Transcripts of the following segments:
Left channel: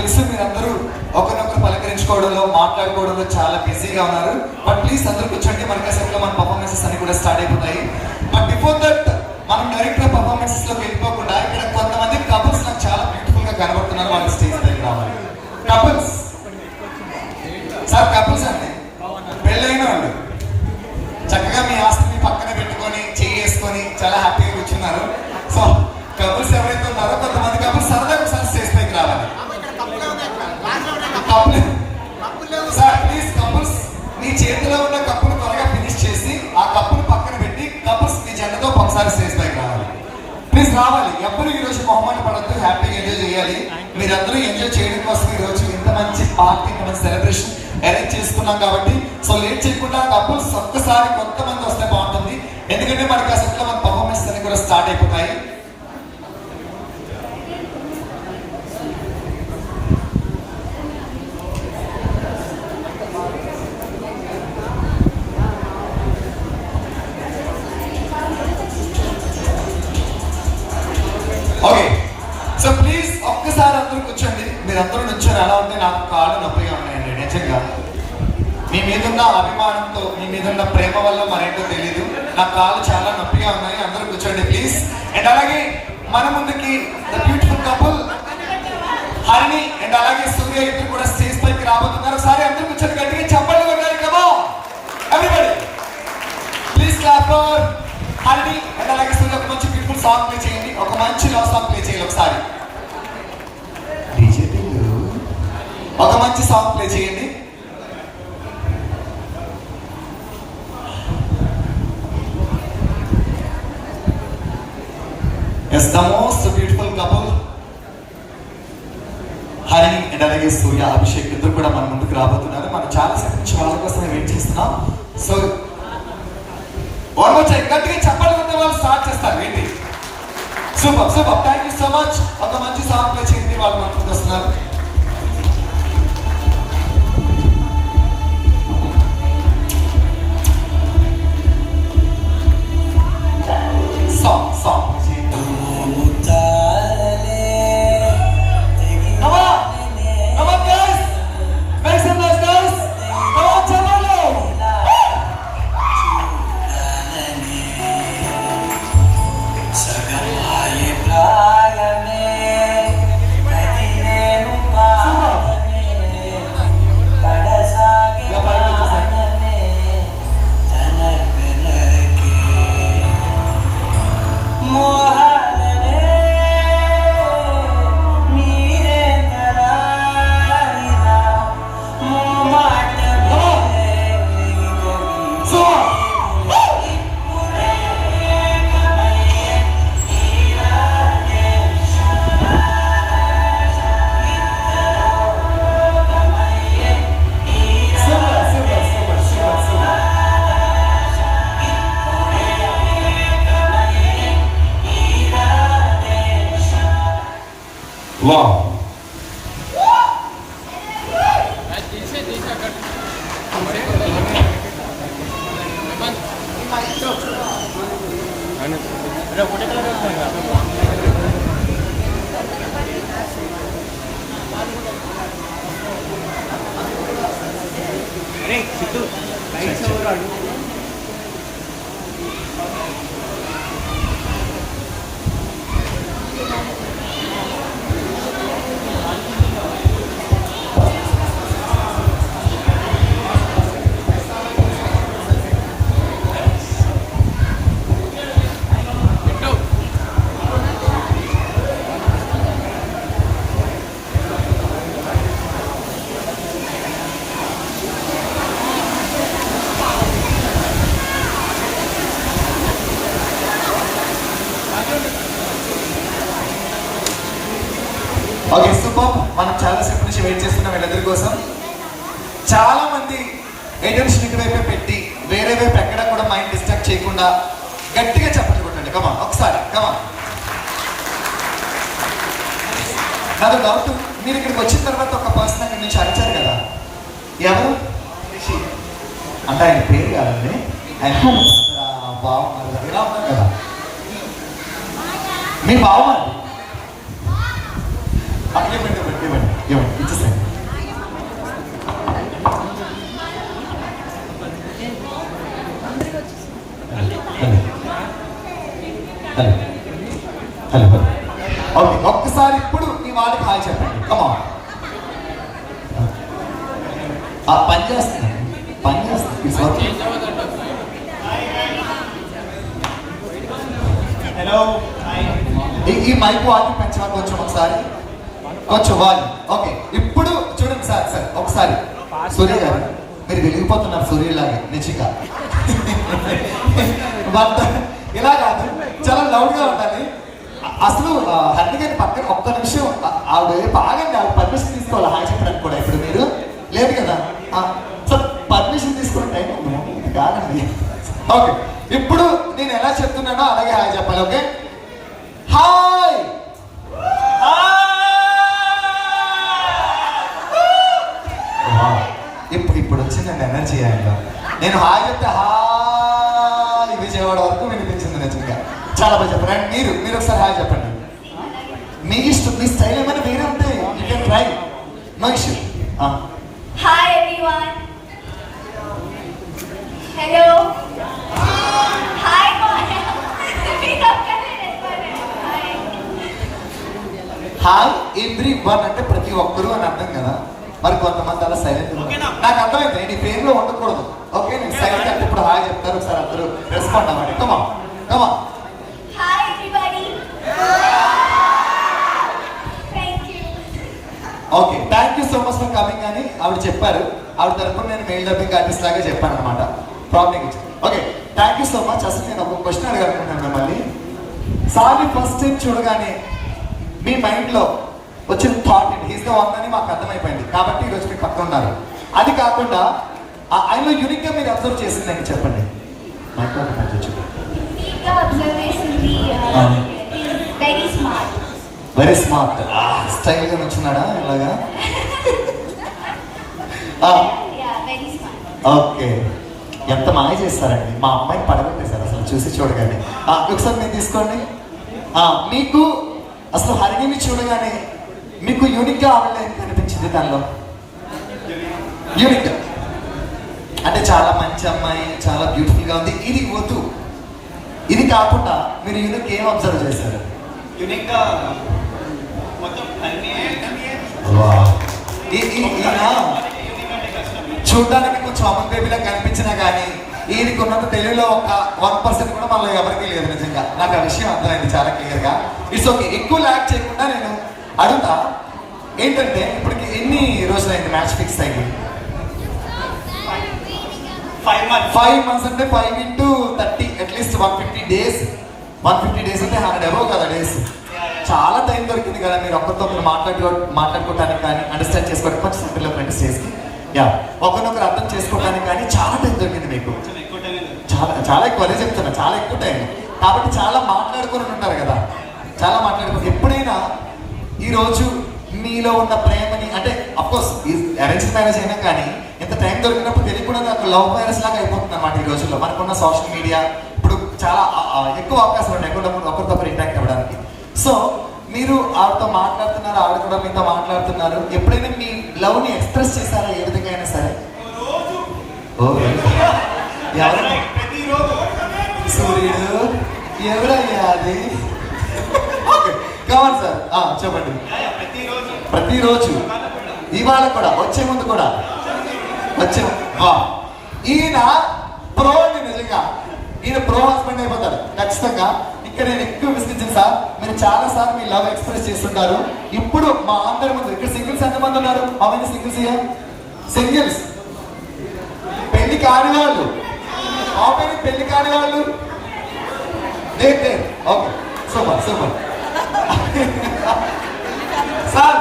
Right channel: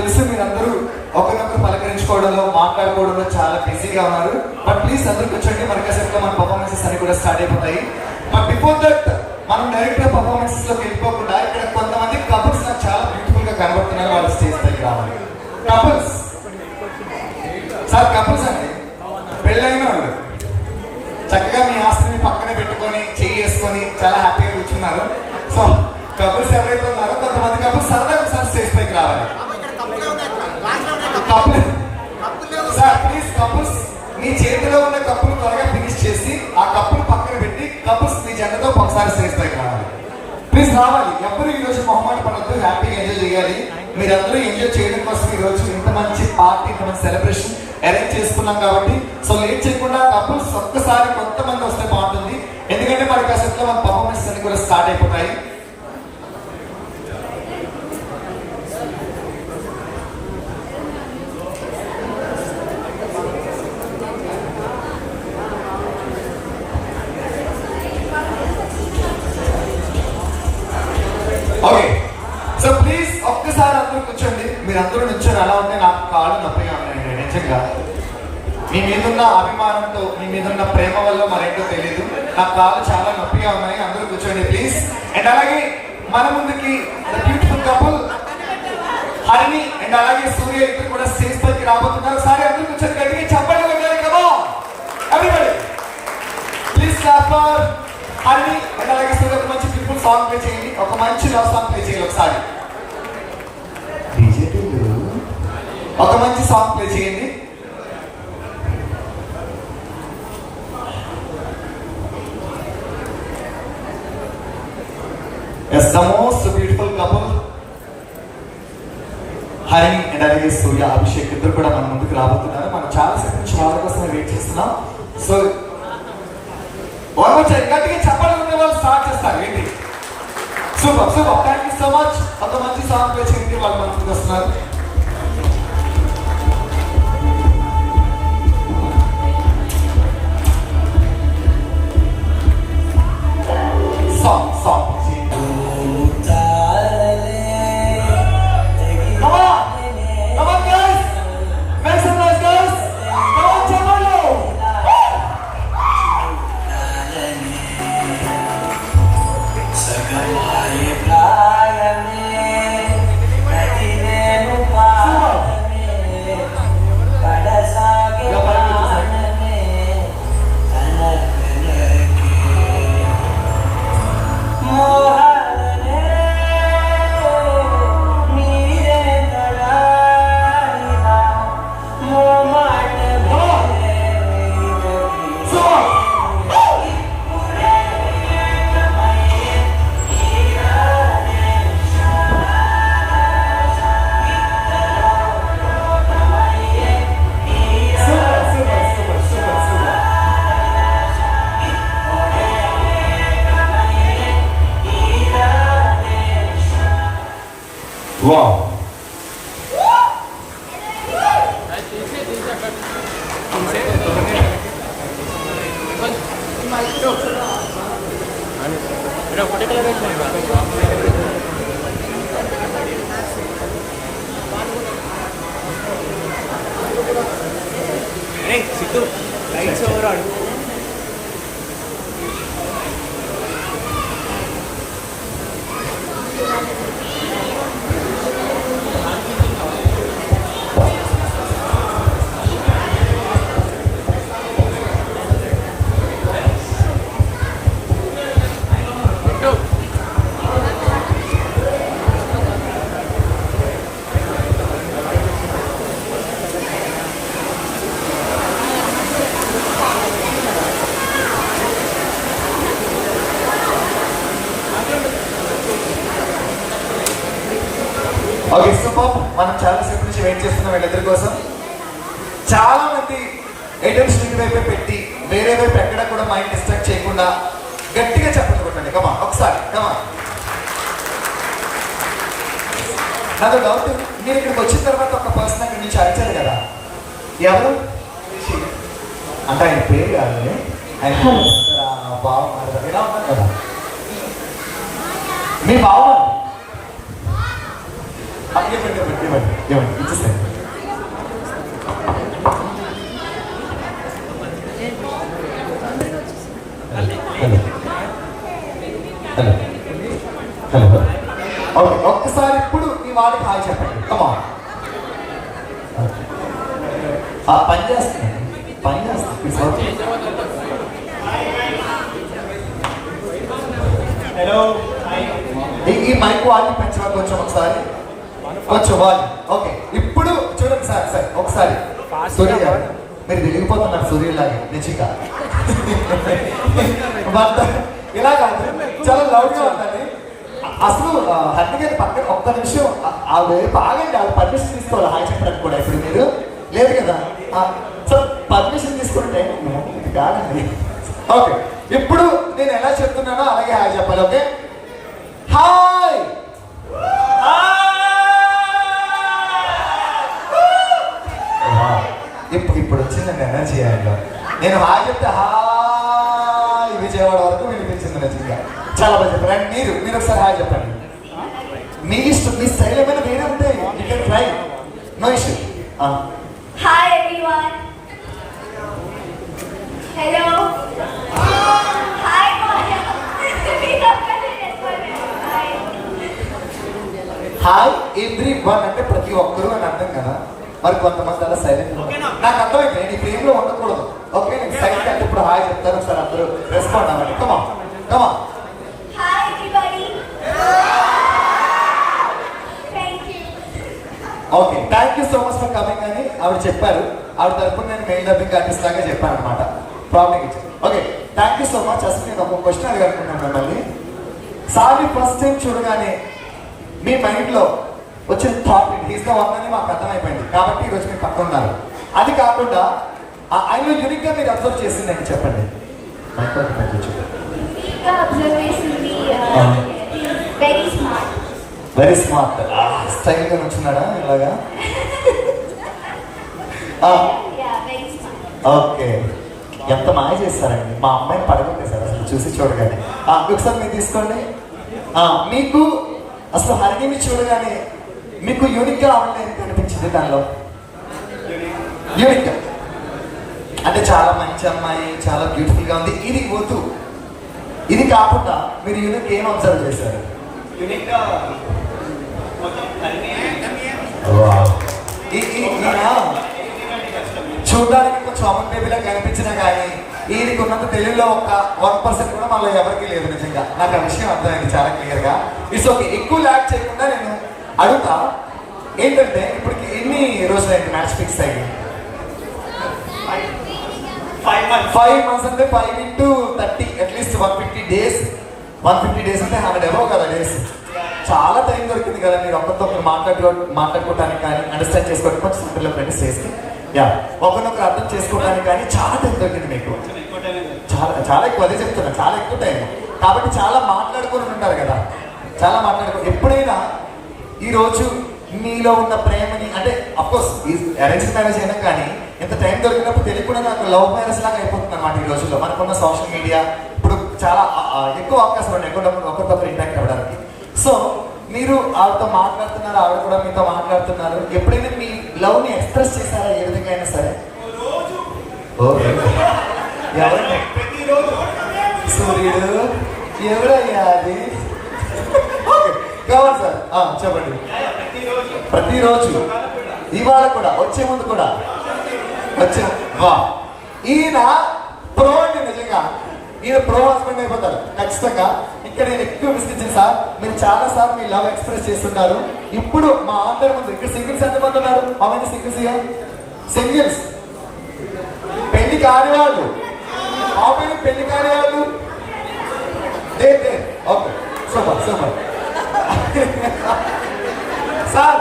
తెలుసు మీరందరూ ఒకరినొకరు పలకరించుకోవడంలో మాట్లాడుకోవడంలో చాలా బిజీగా ఉన్నారు. బట్ ప్లీజ్ అందరూ కూర్చోండి, మన కాసేపులో మన పర్ఫార్మెన్సెస్ అన్ని కూడా స్టార్ట్ అయిపోతాయి. బట్ బిఫోర్ దట్ మనం డైరెక్ట్ గా పర్ఫార్మెన్సెస్ లోకి వెళ్ళిపోకుండా ఇక్కడ కొంతమంది కపుల్స్ నాకు చాలా బ్యూటిఫుల్ గా కనబడుతున్నారు. వాళ్ళ స్టేజ్ దగ్గర రావాలి. కపుల్స్ సార్, కపుల్స్ అండి, పెళ్ళైన వాళ్ళు చక్కగా మీ ఆస్తిని పక్కన పెట్టుకొని చేసుకొని చాలా హ్యాపీగా కూర్చున్నారు. సో కపుల్స్ ఎవరైతే ఉన్నారో కొంతమంది కపుల్స్ సరదాగా ఒకసారి స్టేజ్ పైకి రావాలి. సార్ ప్లీజ్ కపుల్స్ మీ చేతిలో ఉన్న కప్పులు త్వరగా ఫినిష్ చేసి ఆ కప్పులు పక్కన పెట్టి కపుల్స్ మీ జెండతో ఒకసారి స్టేజ్ పైకి రావాలి. ప్లీజ్ రావాలి. ఎవరు ఈ రోజు మొహమాట పడద్దు, హ్యాపీగా ఎంజాయ్ చేయాలి. మీరందరూ ఎంజాయ్ చేయడం కోసం ఈ రోజు ఇంత మంచి పార్టీ, ఇంత మంచి సెలబ్రేషన్ అరేంజ్ చేసుకున్నాం కాబట్టి సో లేట్ చేయకుండా కపుల్స్ ఒక్కసారి కొంతమంది వస్తే బాగుంటుంది. ఎందుకంటే మనకి అసలు మన పర్ఫార్మెన్స్ అన్ని కూడా స్టార్ట్ అయిపోతాయి. ఓకే, సో ప్లీజ్ ఒక్కసారి అందరూ కూర్చోండి. మీరందరూ నుంచొని ఎలా ఉన్నాయి, నాకు కాళ్ళు నొప్పిగా ఉన్నాయండి నిజంగా. మీ మీదున్న అభిమానంతో, మీ మీదున్న ప్రేమ వల్ల మరేంటో తెలీదు, నా కాళ్ళు చాలా నొప్పిగా ఉన్నాయి. అందరూ కూర్చోండి ప్లీజ్. అండ్ అలాగే మన ముందుకి బ్యూటిఫుల్ కపుల్ హరిణి అండ్ అలాగే సూర్య ఇద్దరు కూడా స్టేజ్ పైకి రాబోతున్నారు. ఒకసారి అందరూ కూర్చొని గట్టిగా చెప్పండి కదా everybody. Please clap for Harini and అలాగే సూర్య. ఒక మంచి బ్యూటిఫుల్ సాంగ్ ప్లే చేయండి, ఒక మంచి లవ్ సాంగ్ ప్లే చేయండి. ఒకసారి ఒక మంచి సాంగ్ ప్లే చేయండి. Yes, the most beautiful couple Hari and అలాగే సూర్య, అభిషేక్ ఇద్దరు కూడా మన ముందుకు రాబోతున్నారు. మనం చాలా సేపు నుంచి వాళ్ళ కోసం వెయిట్ చేస్తున్నాం. సో గట్టిగా చెప్పాలి ఉన్న వాళ్ళు స్టార్ట్ చేస్తారు. ఏంటి super super, thank you so much. ఒక మంచి సాంగ్ ప్లే చేయండి, వాళ్ళు మన ముందుకు వస్తున్నారు. Wow. Okay super. మనం చాలా సేపు నుంచి వెయిట్ చేస్తున్నాం వీళ్ళిద్దరి కోసం. చాలా మంది అటెన్షన్ ఇటువైపు పెట్టి వేరే వైపు ఎక్కడ కూడా మైండ్ డిస్ట్రాక్ట్ చేయకుండా గట్టిగా చెప్పండి కొట్టండి. కమా ఒకసారి కమా. నాతో డౌట్, మీరు ఇక్కడికి వచ్చిన తర్వాత ఒక పర్సన్ అక్కడి నుంచి అరిచారు కదా, ఎవరు అంటే ఆయన పేరు కాదు, ఆయన బాగున్నారు కదా, మీ బాగున్నారు. ఇవ్వండి ఇచ్చేస్తాను. హలో హలో ఓకే, ఒక్కసారి ఇప్పుడు మీ వాళ్ళకి హాయ్ చెప్పండి. కమా పని చేస్తుంది ఈ మైక్ వాళ్ళకి పెంచరా కొంచెం ఒకసారి, కొంచెం వాళ్ళు. ఓకే, ఇప్పుడు చూడండి సార్ ఒకసారి సూర్య గారు మీరు వెలిగిపోతున్నారు సూర్యులాగా నిజంగా. ఇలా కాదు, చాలా లౌడ్గా ఉంటుంది. అసలు హర్ని గారి పక్కన ఒక్క నిమిషం ఆవిడ బాగండి, ఆవిడ పర్మిషన్ తీసుకోవాలి హాయ్ చెప్పడానికి కూడా. ఇప్పుడు మీరు లేదు కదా, సో పర్మిషన్ తీసుకుంటే ఇది కాదండి. ఓకే, ఇప్పుడు నేను ఎలా చెప్తున్నానో అలాగే హాయ్ చెప్పాలి. Okay, hi. ఇప్పుడు వచ్చిందండి ఎనర్జీ అయ్యాక. నేను హాయ్ చెప్తే హాయ్ విజయవాడ వరకు వినిపించింది నిజంగా. చాలా బాగా చెప్పారు. అండ్ మీరు ఒకసారి హాయ్ చెప్పండి. మీ ఇష్టం, మీ స్టైల్ ఏమైనా వేరే ఉంటే you can try, no issue. Hi everyone. Hello. Hi hi everyone అంటే ప్రతి ఒక్కరు అని అర్థం కదా. మరి కొంతమంది అలా సైలెంట్, నాకు అర్థమైంది. నేను ఈ ఫ్రేమ్ లో ఉండకూడదు. ఓకే, నేను సైలెంట్ అంటే ఇప్పుడు హాయ్ చెప్తారు, ఒకసారి అందరూ రెస్పాండ్ అవ్వండి. Comma hi everybody. Thank you. Okay, thank you so much for coming అని ఆవిడ చెప్పారు. ఆవిడ తరఫున నేను మెయిన్ డబ్బింగ్ ఆర్టిస్ట్ లాగా చెప్పాను అనమాట. ప్రాబ్లం ఇచ్చి. Okay, thank you so much. అసలు నేను ఒక క్వశ్చన్ అడగనుకున్నాను మిమ్మల్ని. సార్ని ఫస్ట్ టైం చూడగానే మీ మైండ్ లో వచ్చిన థాట్ హీస్ ద వన్ అని మాకు అర్థమైపోయింది కాబట్టి ఈరోజు మీరు పక్కన ఉన్నారు. అది కాకుండా ఆయనలో యూనిక్ గా మీరు అబ్జర్వ్ చేసిందండి, చెప్పండి. Very smart. స్టైల్ గా వచ్చినాడా ఇలాగా? ఓకే, ఎంత మాయ చేస్తారండి. మా అమ్మాయిని పడగొట్టేశారు అసలు చూసి చూడగానే. ఒకసారి మీరు తీసుకోండి. మీకు అసలు హరిణిని చూడగానే మీకు యూనిక్ గా ఆవిడ అనిపించింది దానిలో? యూనిక్ అంటే చాలా మంచి అమ్మాయి, చాలా బ్యూటిఫుల్ గా ఉంది. ఇది వద్దు, ఇది కాకుండా మీరు యూనిక్ ఏం అబ్జర్వ్ చేశారు? యూనిక్ గా చూడడానికి కొంచెం అమన్ బేబీలా కనిపించినా కానీ ఈయనకి ఉన్నంత తెలుగులో ఒక 1% కూడా మనలో ఎవరికి లేదు. నిజంగా నాకు ఆ విషయం అర్థమైంది చాలా క్లియర్ గా. ఇట్స్ ఓకే, ఎక్కువ ల్యాక్ చేయకుండా నేను అడుగుతా ఏంటంటే, ఇప్పటికి ఎన్ని రోజులైంది మ్యాచ్ ఫిక్స్ అయ్యి? 5 months అంటే 5 into 30 అట్లీస్ట్ 150 days. 150 days అంటే 100 ఏవో కదా డేస్. చాలా టైం దొరికింది కదా మీరు ఒక్కరితో మాట్లాడుకోవడానికి కానీ, అండర్స్టాండ్ చేసుకోవడానికి, కొంచెం పిల్లల ఫ్రెండ్స్ చేసి ఒకరినొకరు అర్థం చేసుకోవడానికి కానీ చాలా టైం దొరికింది మీకు. చాలా ఎక్కువ, అదే చెప్తున్నా, చాలా ఎక్కువ టైం. కాబట్టి చాలా మాట్లాడుకొని ఉంటారు కదా, చాలా మాట్లాడుకుని. ఎప్పుడైనా ఈరోజు మీలో ఉన్న ప్రేమని, అంటే అఫ్కోర్స్ ఈ అరేంజ్ మ్యారేజ్ అయినా కానీ ఎంత టైం దొరికినప్పుడు తెలియకుండా నాకు లవ్ మ్యారేజ్ లాగా అయిపోతుంది అన్నమాట. ఈ రోజుల్లో మనకున్న సోషల్ మీడియా ఇప్పుడు చాలా ఎక్కువ అవకాశాలు ఉన్నాయి ఒకరితో ఇంటాక్ట్ అవ్వడానికి. సో మీరు ఆవిడతో మాట్లాడుతున్నారు, ఆవిడ కూడా మీతో మాట్లాడుతున్నారు. ఎప్పుడైనా మీ లవ్ ని ఎక్స్ప్రెస్ చేశారా ఏ విధంగా అయినా సరే? సూర్యుడు ఎవరయ్యా అది? కావాలి సార్, చెప్పండి. ప్రతిరోజు, ఇవాళ కూడా, వచ్చే ముందు కూడా వచ్చే. ఈయన ప్రో అండి, నిజంగా ఈయన ప్రో హస్బెండ్ అయిపోతారు ఖచ్చితంగా. ఇక్కడ నేను ఎక్కువ విసిగించాను సార్, మీరు చాలా సార్లు మీ లవ్ ఎక్స్ప్రెస్ చేస్తుంటారు. ఇప్పుడు మా అందరి ముందు ఇక్కడ సింగిల్స్ ఎంతమంది ఉన్నారు? అవన్నీ సింగిల్స్, సింగిల్స్ పెళ్లి కాని వాళ్ళు, అవన్నీ పెళ్లి కాని వాళ్ళు. Okay, super super. సార్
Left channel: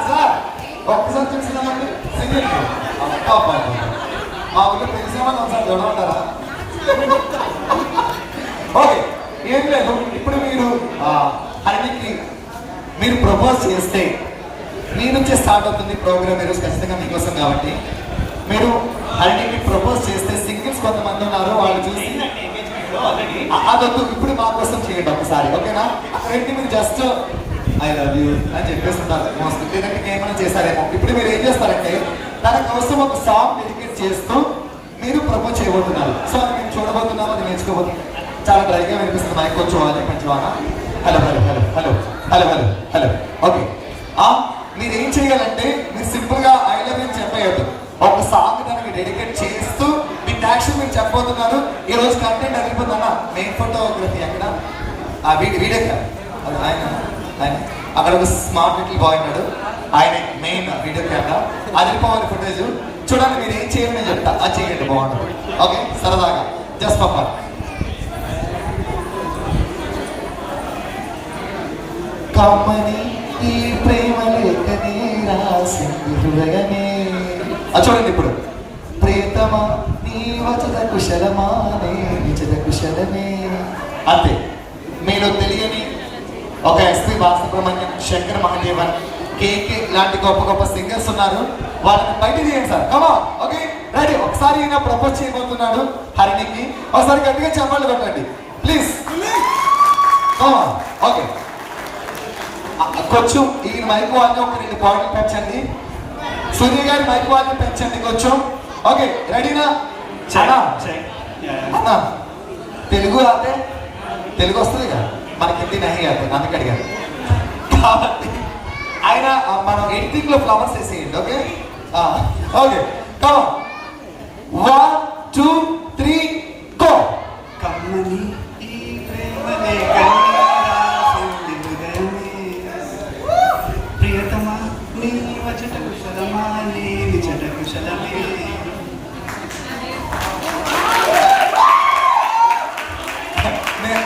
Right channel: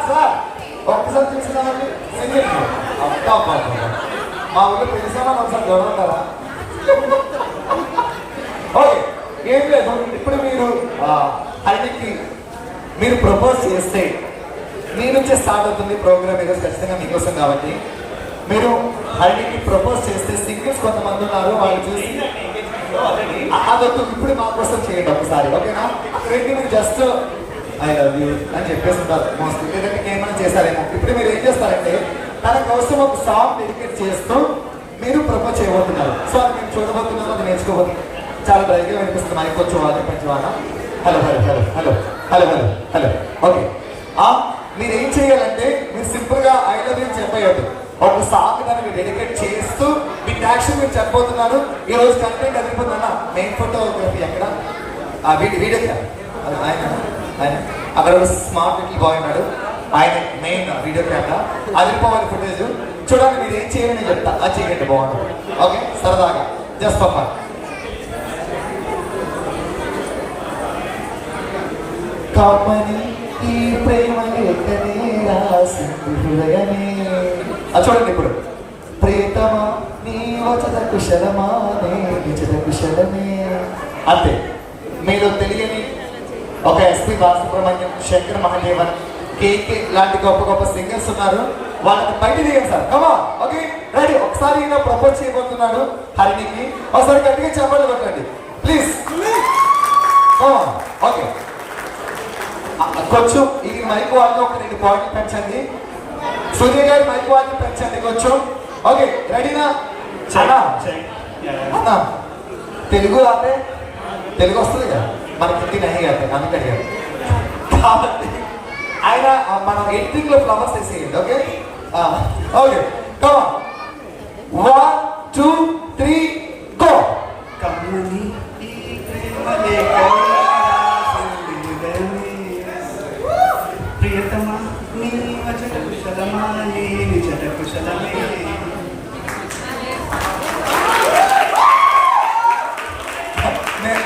ఒక్కసారి చూస్తున్నామండి సింగిల్. మా ఊళ్ళో పెళ్లి సంబంధం సార్ గడవంటారా? ఓకే, ఏం లేదు. ఇప్పుడు మీరు హరిణికి మీరు ప్రపోజ్ చేస్తే మీ నుంచే స్టార్ట్ అవుతుంది ప్రోగ్రామ్ ఈరోజు ఖచ్చితంగా మీకోసం. కాబట్టి మీరు హరిణికి ప్రపోజ్ చేస్తే సింగిల్స్ కొంతమంది ఉన్నారు, వాళ్ళు చూసి అదొద్దు, ఇప్పుడు మా కోసం చేయండి ఒకసారి, ఓకేనా? అక్కడైతే మీకు జస్ట్ ఐ లవ్ యూ అని చెప్పేస్తున్నారు మోస్ట్లీ. లేదంటే ఏమైనా చేస్తారేమో. ఇప్పుడు మీరు ఏం చేస్తారంటే తన కోసం ఒక సాంగ్ డెడికేట్ చేస్తూ మీరు ప్రపోజ్ చేయబోతున్నారు. సో అది మీరు చూడబోతున్నారు, అది నేర్చుకోబోతున్నారు. చాలా డ్రైగా వినిపిస్తుంది. మైక్ కొంచెం వాళ్ళని పంచువానా. Hello hello hello hello hello hello hello okay. మీరు ఏం చేయాలంటే మీరు సింపుల్ గా ఐ లవ్ యూ చెప్పేయద్దు. ఒక సాంగ్ దానికి డెడికేట్ చేస్తూ మీ యాక్షన్ మీరు చెప్పబోతున్నారు. ఈ రోజు కంటెంట్ అదిరిపోతుందన్న. మెయిన్ ఫోటోగ్రఫీ అక్కడ వీడియో ఆయన అక్కడ ఒక స్మార్ట్ లిటిల్ బాయ్ ఉన్నాడు. ఆయన మెయిన్ వీడియో కెమెరా అదిరిపోవాలి ఫుటేజ్. చూడండి మీరు ఏం చేయాలని చెప్తా, అది చేయండి బాగుంటుంది. ఓకే సరదాగా జస్ట్ పప్ప. కమ్మని ఈ ప్రేమ లేఖనే రాసింది హృదయమే. అది చూడండి ఇప్పుడు. ప్రియతమా నీ వచన కుశలమా నే విచన కుశలమే. అంతే. మీరు తెలియని ఒక ఎస్పి బాలసుబ్రహ్మణ్యం, శంకర్ మహాదేవన్, కేకే లాంటి గొప్ప గొప్ప సింగర్స్ ఉన్నారు. వాళ్ళని బయట తీయండి సార్. కమా ఓకే రెడీ. ఒకసారి ఈయన ప్రపోజ్ చేయబోతున్నాడు హరిణికి. ఒకసారి గట్టిగా చెప్పాలి కొట్టండి ప్లీజ్. ఓకే కొంచెం ఈ మైక్ వాళ్ళని ఒక 2 పాయింట్లు పెంచండి. సూర్య గారి మైక్ వాళ్ళని పెంచండి కొంచెం. ఓకే రెడీనా? చాలా తెలుగు ఆపే తెలుగు వస్తుంది కదా మనకి, హిందీ నహి ఆతే అందుకే అడిగారు. కాబట్టి ఆయన మనం ఎడిటింగ్ లో ఫ్లవర్స్ వేసేయండి. ఓకే ఓకే కమా 1 2 3 గో. కమ్ముని ఈ ప్రేమ లేఖనే రాసింది హృదయమే. ప్రియతమా నీ వచన కుశలమా నీ విచన కుశలమే.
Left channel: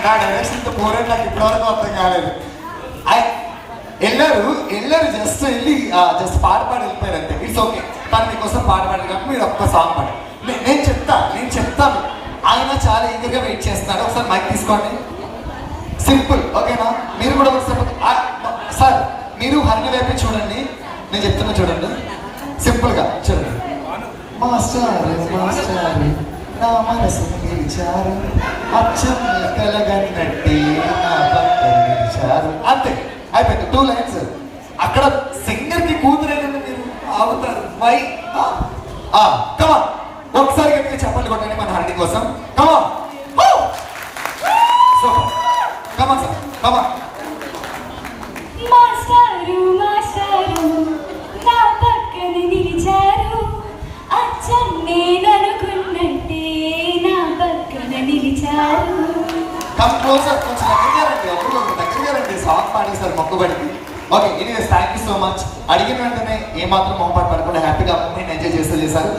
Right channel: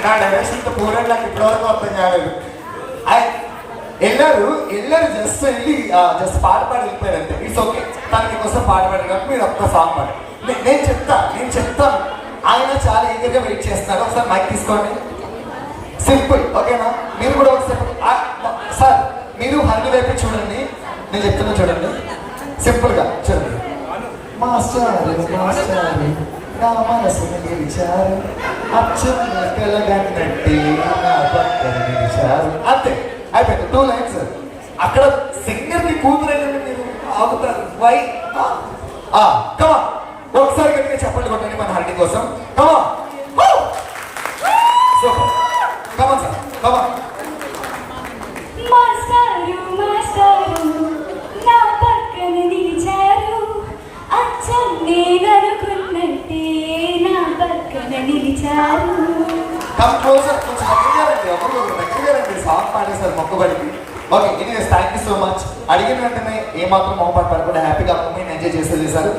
నా డైరెక్షన్ పోరాడు నాకు ఇప్పటివరకు అర్థం కాలేదు. వెళ్ళారు జస్ట్ వెళ్ళి జస్ట్ పాట పాడి వెళ్ళిపోయారు అంతే. It's okay. తనకి కోసం పాట పాడారు కాబట్టి మీరు ఒక్క సాంగ్ పాడు. నేను చెప్తాను. ఆయన చాలా ఈగర్గా వెయిట్ చేస్తున్నాడు. ఒకసారి మైక్ తీసుకోండి. సింపుల్ ఓకేనా? మీరు కూడా ఒకసారి సార్ మీరు హరిని వైపు చూడండి. నేను చెప్తున్నా చూడండి. సింపుల్ గా చూడండి. మాస్టారు నా మనసును గెలిచారు, అచ్చం కలగన్నట్టే నా పక్కన గెలిచారు. అంతే అయిపోయింది. 2 లైన్స్. అక్కడ సింగర్ కి కూతురైన మీరు ఆగుతారు. వై కమా ఒకసారి గట్టిగా చెప్పండి కొట్టండి మన హరిణి కోసం. కమా సూపర్. కమా సార్ కమా. మాస్టారు మాస్టారు నా పక్కన నిలిచారు, అచ్చం నేను అనుకున్నట్టే నా పక్కన నిలిచారు. కంపోజర్ కొంచెం దగ్గరగారండి సాంగ్ పాడేశారు మొక్కుబడికి. Okay anyways thank you so much. అడిగిన వెంటనే ఏమాత్రం మొహపాటు పడకుండా హ్యాపీగా మూమెంట్ ఎంజాయ్ చేశారు.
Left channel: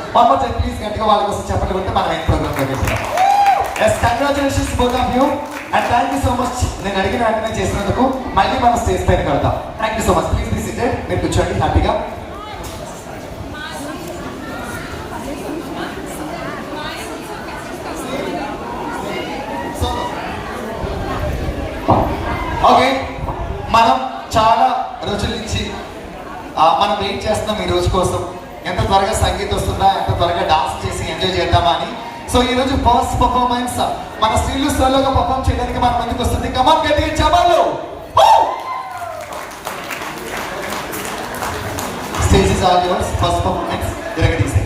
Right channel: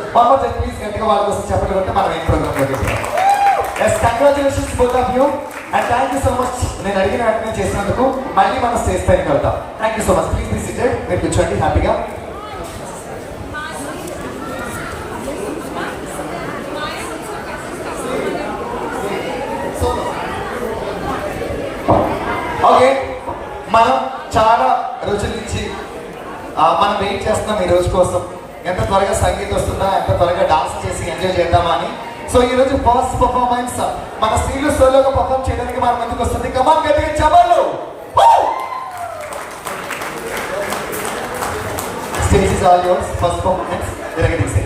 ప్లీజ్ గట్టిగా వాళ్ళ కోసం చెప్పండి కొడితే మనం ఏం ప్రోగ్రామ్ చేస్తాం. Yes congratulations both of you and thank you so much. నేను అడిగిన వెంటనే చేసినందుకు మళ్ళీ మనం స్టేజ్ పైన కలుద్దాం. Thank you so much. Please be seated. మీరు కూర్చోండి హ్యాపీగా. ఓకే మనం చాలా రోజుల నుంచి మనం వెయిట్ చేస్తున్నాం ఈ రోజు కోసం. ఎంత త్వరగా సంగీతం వస్తుందా, ఎంత త్వరగా డాన్స్ చేసి ఎంజాయ్ చేద్దామా అని. సో ఈ రోజు ఫస్ట్ పర్ఫార్మెన్స్ మన స్త్రీలు సోలోగా పర్ఫార్మ్ చేయడానికి మన ముందుకు వస్తుంది. కమాన్ గట్టిగా చెప్పాలి. Stage is all yours. First performance జరగదీసే.